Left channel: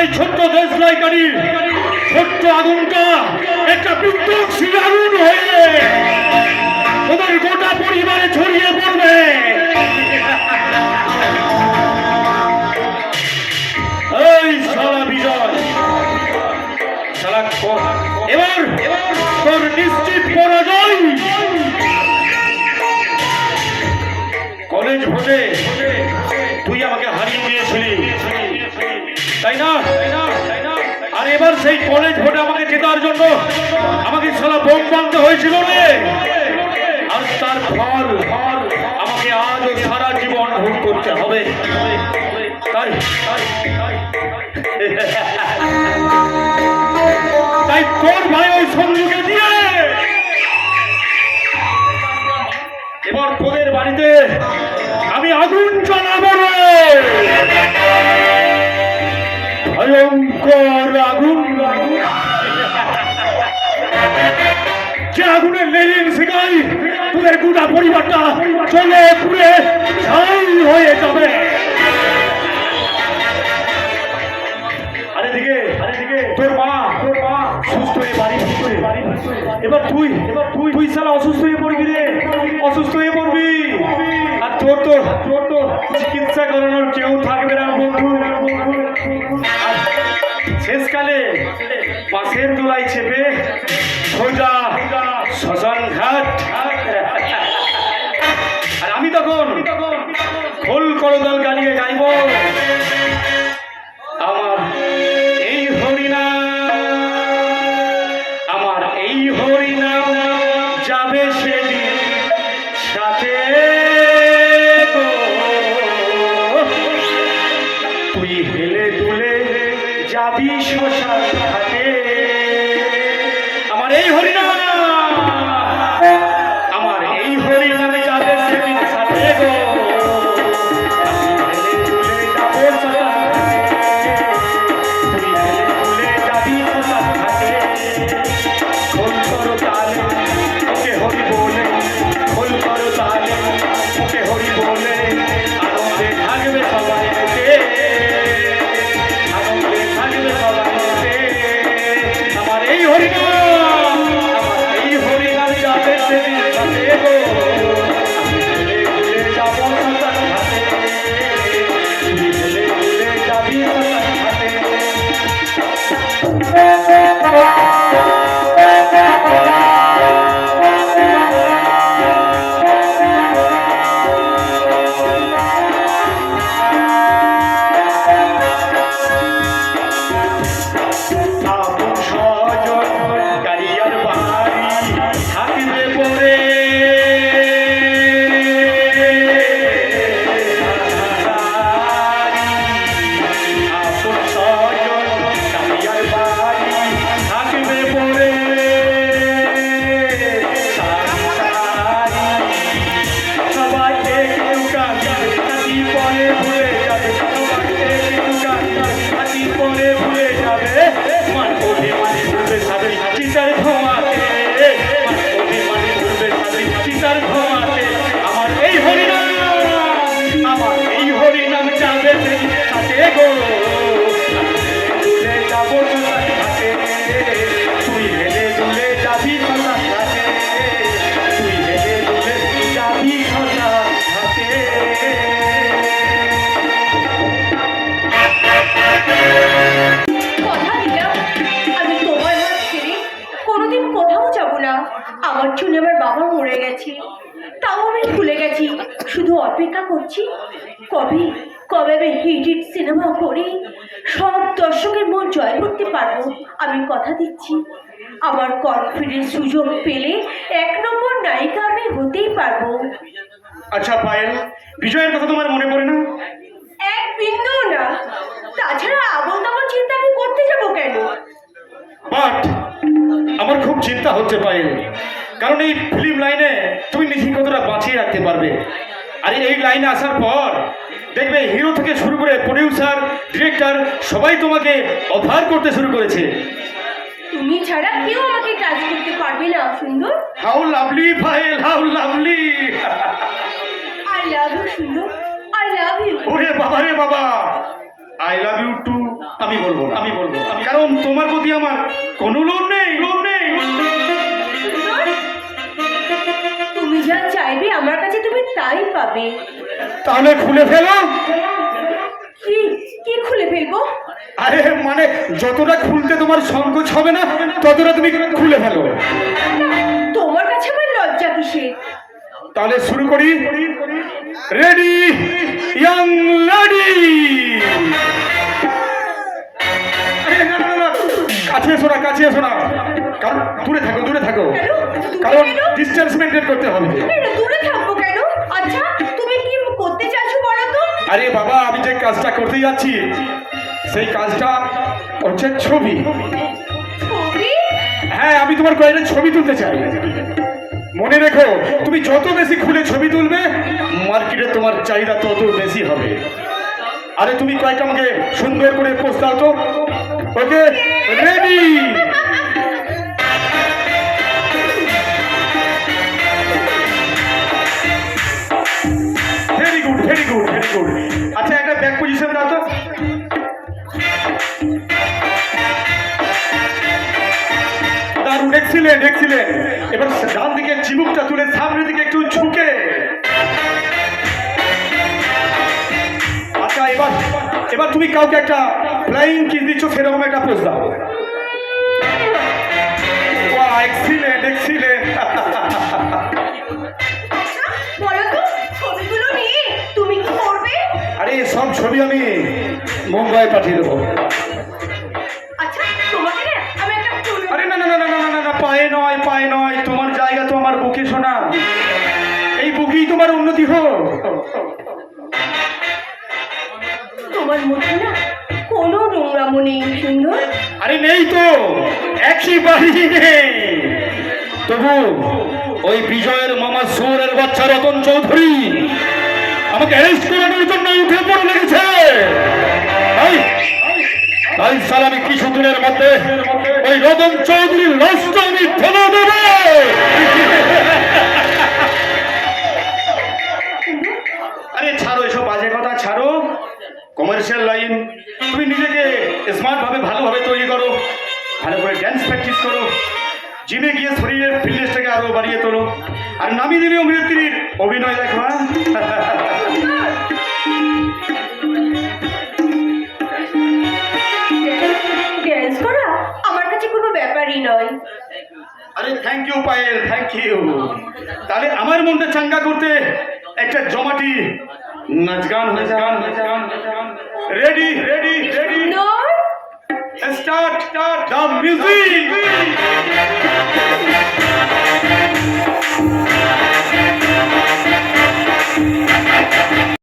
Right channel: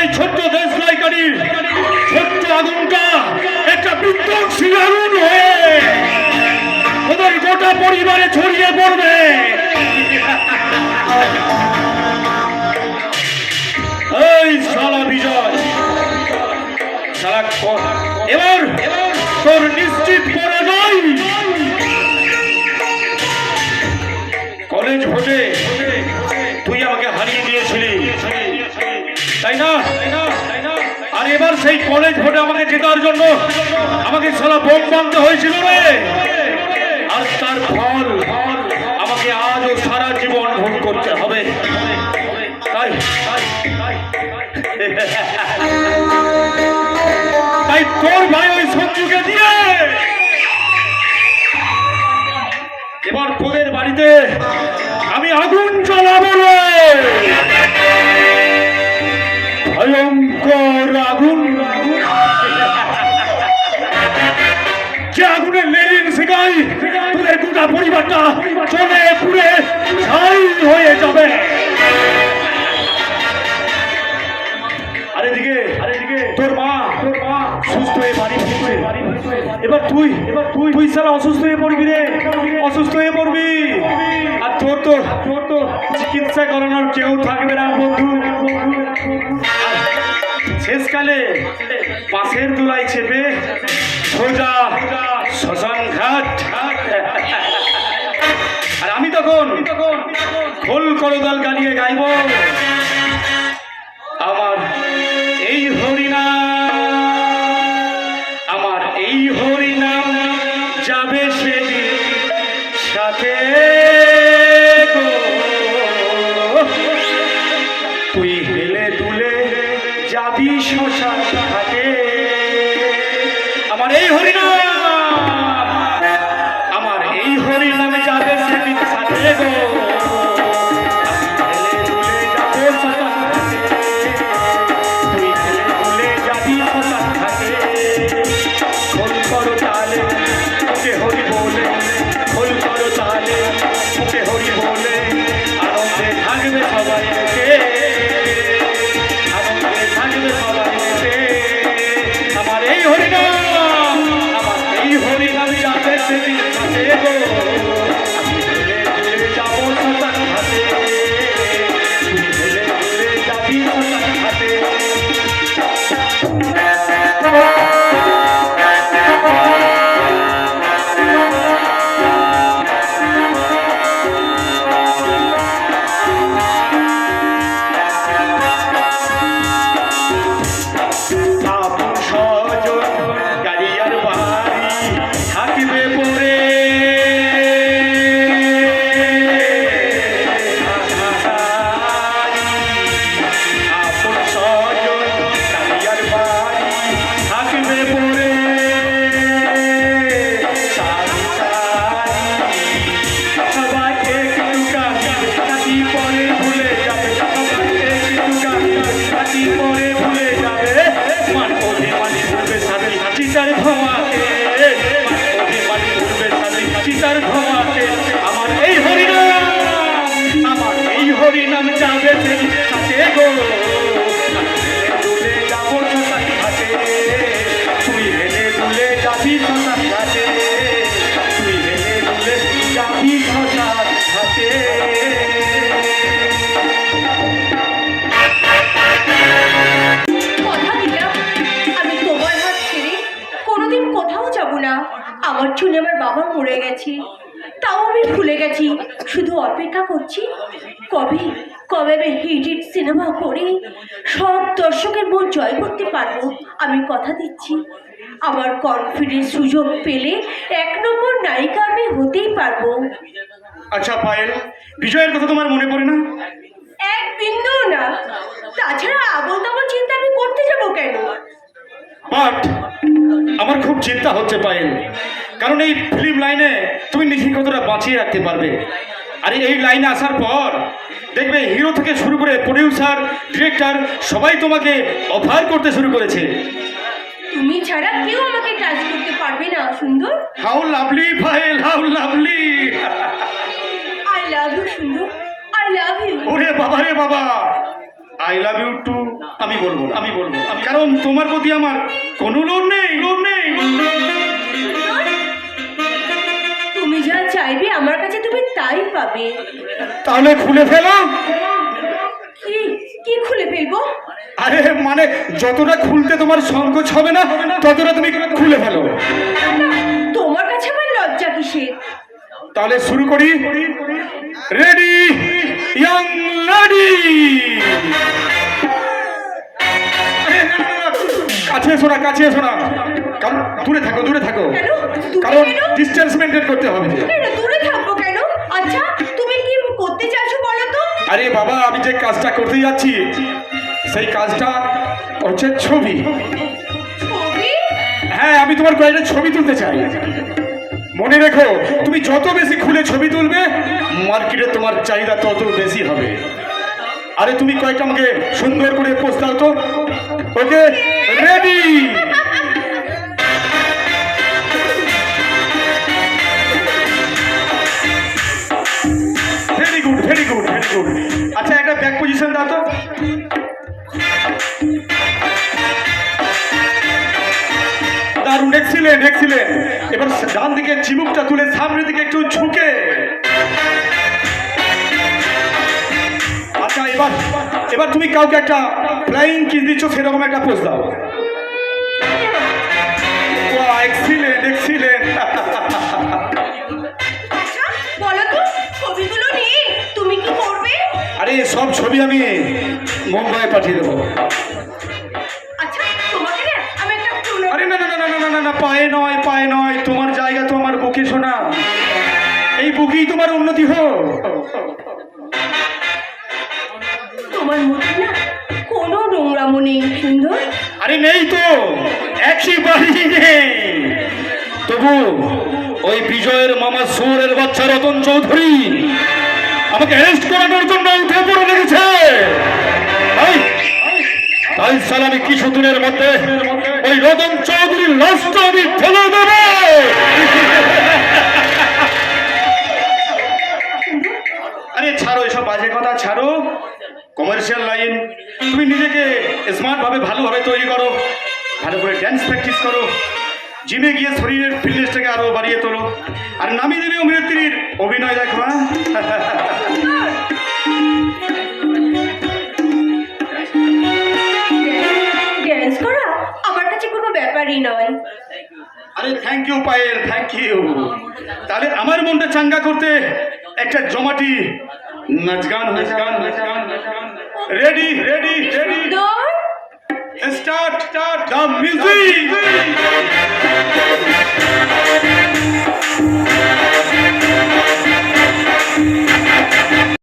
এই ছোট্ট দেশলাই কাঠির ছোট্ট আগুনটা একটা বিধ্বংসী আগুন হয়ে ওদের গোটা পরিবারে ছড়িয়ে পড়বে। এই সারা বিজয় এবার তোর নিশ্চিত পরাজয়। কলেজ ভোটে এবার সেই কলেজ ভোটে আমাকে জেতার জন্য আমাকে সালা বোম বানতে হয়েছিল রে। তার ফল আমাকে আজও সারা জীবন করতে হবে। তাই তাই তোর ভাই ওই সঞ্জুকে দিয়ে। এবার তোদের বাড়িতে আমি আগুন জ্বালাবো রে। ভয়ঙ্কর আগুনে লেলিন শিকাই তোদের গোটা পরিবারটা চলে পুড়ে ছাই হয়ে যাবে। আরে দিকে আরে দিকে, তোর মা তোর মা সুস্থ হয়ে বাড়ি এবার তুই এবার তুই তুই অসুস্থ হয়ে পড়বি রে, অসুস্থ হয়ে পড়বি। আর তোর তো তোর তো চিকিৎসা করানোর কেউ থাকবে না, বন্ধু। শেষকালে বাসের দোলাই চেপে সোজা শ্মশান ঘাট আর আমি তখন ফুল করদাল গালিয়ে গাইব। আমার এই হরিণা আমার এই হরিণা যাবে সেদিন সাথে তুই হেলে দুলে যাবি শ্মশান ঘাটে কবে আমি হিট সিনেমা করে সব দর্শকের মন জয় করতে পারব। আমি কথা দিচ্ছি। আমার কনফিডেন্স সুযোগ পেলে এক নম্বর নায়িকা আমি হতেই পারব। আচ্ছা পায়েল বিজয়ের কথা তোমার মনে পড়ে না? এক বিন্দু না। তাছাড়া আবল তাবল চিন্তা আমি করতে যাব কেন? বাট আমার খুব চিন্তা হচ্ছে পায়েল। কারণ এই ফিল্ম লাইনে তুমি নিজের কতটা বাঁচিয়ে রাখতে পারবে? আর এই লাইনে আসার পর দেখবে হিরো থেকে শুরু করে প্রডিউসার ডিরেক্টর সবাই তোমাকে অফার করতে শুরু করেছে। তুমি ছাড়া কেউ আমাকে টাচ করতে পারবে না সুন্দর। How lovely Payel how lovely I love you সুন্দর। ওরে বাবা রে বাবা। আই লাভ ইউ টু আমি বলব আমি বলব কারণ তোমার প্রতি আমার কোনো লোভ নেই লোভ নেই। তাহলে খুলে ফেলো। কি কি খুলে ফেলব? আরে মানে যতটা খুলতে তোমার সংকোচ হবে না ততটা তুমি খুলে ফেলো। তোমার কাছে আমার লজ্জা কিসের? তাহলে শুরু করি। রেডি ইয়াং লেডি কাছে এসো না কাছে এসো না। দূরে থাকো দূরে থাকো। কারণ? ডিস্টেন্স মেনটেন করতে হবে। দূরে থাকব কেন আচ্ছা তুমি কি করতে চাইছো বলো তো আরে বাবা আমি যে কাজটা করতে যাচ্ছি সেই কাজটা হচ্ছে ছবি? হ্যাঁ আমি তোমার কয়েকটা ছবি তুলতে চাই। মনে রেখো তুমি যত বেশি খুলে ছবি তুলবে মার্কেটে তোমার চাহিদা তত বেশি হবে। আরে তুমি কয়েকটা আমাকে সুন্দর করে পোস্ট দাও তো। Okay ready! Very good very good আচ্ছা একটা ব্যাক পজিশন দাও তো। দারুণ এক্সিলেন্ট এক্সিলেন্ট এবার ডান দিকে চিবুকটা তুলে সামনের দিকে একটু ঝুঁকে। আচ্ছা এবার এবার তুমি কাউকে একটা ফ্লাইং কিস দিচ্ছ, সেরকম একটা পোজ দাও। ছবি আমি মুম্বাই পাঠিয়ে দেবো। আচ্ছা তোমাকে না আমি একটা পুরো- আরে না না না না না না না পায়ে নয় পায়ে নয় তোমার জায়গা তো আমার বুকে শোনা। এই বুকেই তোমার উন্নতি হোক। তোমার মুখে না কোনো সুন্দর। আরে নেই তো একেবারেই নেই। তবু ওই বিজয়ের মামা সুরের বাচ্চা রতন চৌধুরী আমাকে হেল্প জন্য উঠে পড়ে লেগেছে। তাই তাই কিছুদিনের মধ্যে ওই রতন চৌধুরীর লাশটা আমি ফেলে দেবো। কমার্শিয়াল লাইন তুমি নিজেকে স্মার্ট ভাবে ভালোভাবে তৈরি করো, ভালো করে প্র্যাকটিস করো। জিমে গিয়ে শরীরের ফিটনেসটাকে আরও বাড়িয়ে তোলো। আর নামি দিলে অভিনেত্রীর অভিনয় দেখো হ্যাঁ? পায়েল থ্যাংক ইউ তাহলে আমার মনটা চাঙ্গা করতে একটা জমাটি নাচ গান হয়েছে গান গান। Ready ready ready start start the music